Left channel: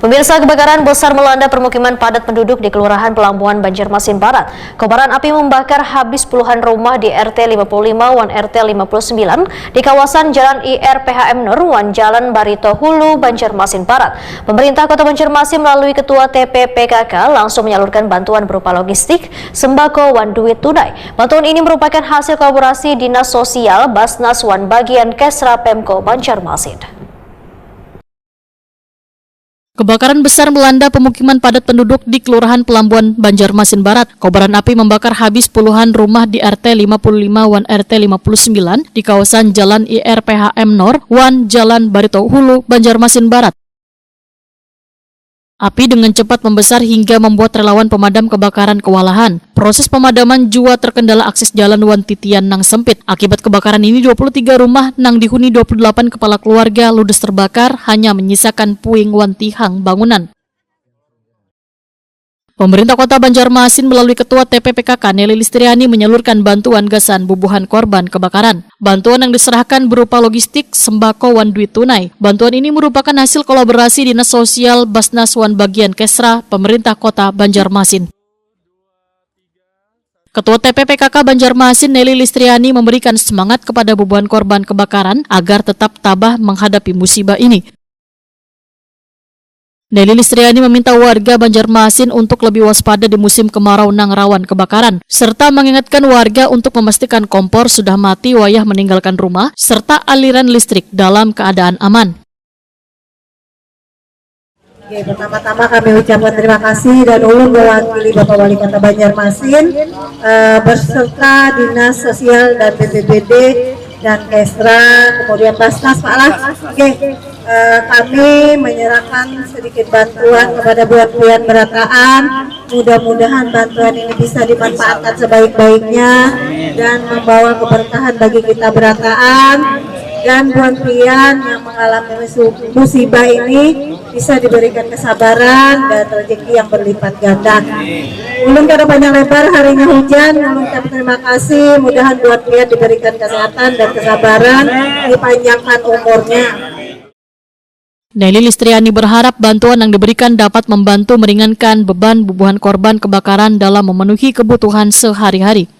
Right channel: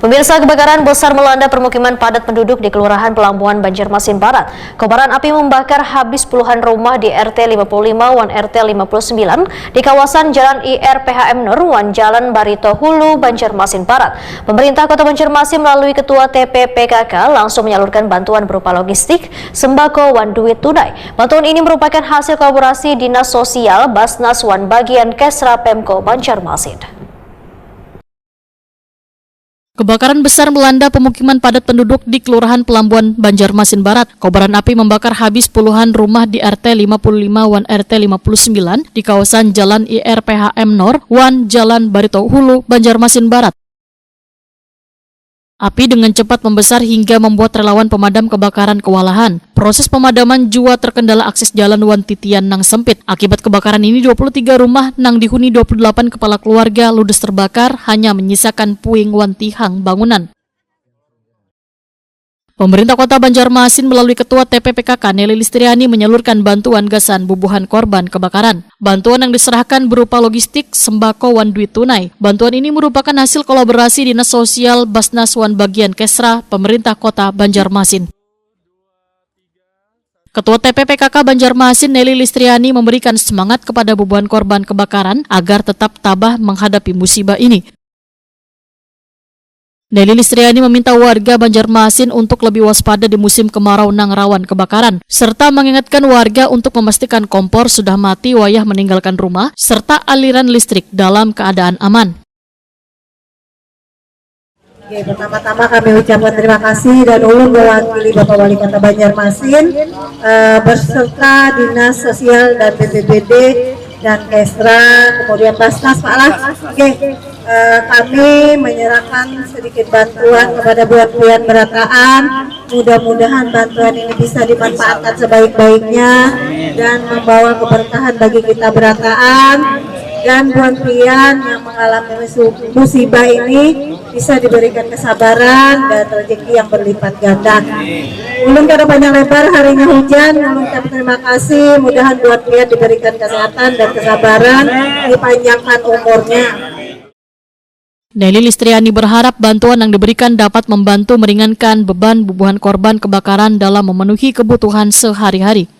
Pemirsa, kebakaran besar melanda permukiman padat penduduk di Kelurahan Pelambuhan, Banjarmasin Barat. Kobaran api membakar habis puluhan rumah di RT 55 Wan RT 59 di kawasan Jalan IRPHM Nur Wan Jalan Barito Hulu, Banjarmasin Barat. Pemerintah Kota Banjarmasin melalui Ketua TPPKK langsung menyalurkan bantuan berupa logistik, sembako, wan duit tunai. Bantuan ini merupakan hasil kolaborasi Dinas Sosial, Basnas, Wan Bagian Kesra Pemko Banjarmasin. Kebakaran besar melanda pemukiman padat penduduk di Kelurahan Pelambuhan, Banjarmasin Barat. Kobaran api membakar habis puluhan rumah di RT 55 Wan RT 59 di kawasan Jalan IRPHM Nor Wan Jalan Barito Hulu, Banjarmasin Barat. Api dengan cepat membesar hingga membuat relawan pemadam kebakaran kewalahan. Proses pemadaman juga terkendala akses jalan Wan Titian nang sempit. Akibat kebakaran ini 23 rumah nang dihuni 28 kepala keluarga ludes terbakar, hanya menyisakan puing wan tihang bangunan. Pemerintah Kota Banjarmasin melalui Ketua TPPKK Nelly Listriani menyalurkan bantuan gasan bubuhan korban kebakaran. Bantuan yang diserahkan berupa logistik, sembako, wan duit tunai. Bantuan ini merupakan hasil kolaborasi Dinas Sosial, Basnas, Wan Bagian Kesra, Pemerintah Kota Banjarmasin. Ketua TPPKK Banjarmasin Nelly Listriani memberikan semangat kepada bubuhan korban kebakaran agar tetap tabah menghadapi musibah ini. Nelly Listriani meminta warga Banjarmasin untuk lebih waspada di musim kemarau nang rawan kebakaran, serta mengingatkan warga untuk memastikan kompor sudah mati wayah meninggalkan rumah, serta aliran listrik dalam keadaan aman. Oke, pertama-tama kami ucapkan terima kasih dan ulun mewakili Bapak Wali Kota Banjarmasin berserta Dinas Sosial dan BPBD dan Kesra, kemudian Basnas, Pak Lah. Kami menyerahkan sedikit bantuan kepada buat-buat berataan. Mudah-mudahan bantuan ini bisa dimanfaatkan sebaik-baiknya dan membawa keberkahan bagi kita berataan, dan buat-buat yang mengalami musibah ini bisa diberikan kesabaran dan rezeki yang berlipat ganda. Ulun kada panjang lebar, harinya hujan, ulun terima kasih, mudahan buat-buat diberikan kesehatan dan kesabaran, dipanjangkan umurnya. Nelly Listriani berharap bantuan yang diberikan dapat membantu meringankan beban bubuhan korban kebakaran dalam memenuhi kebutuhan sehari-hari.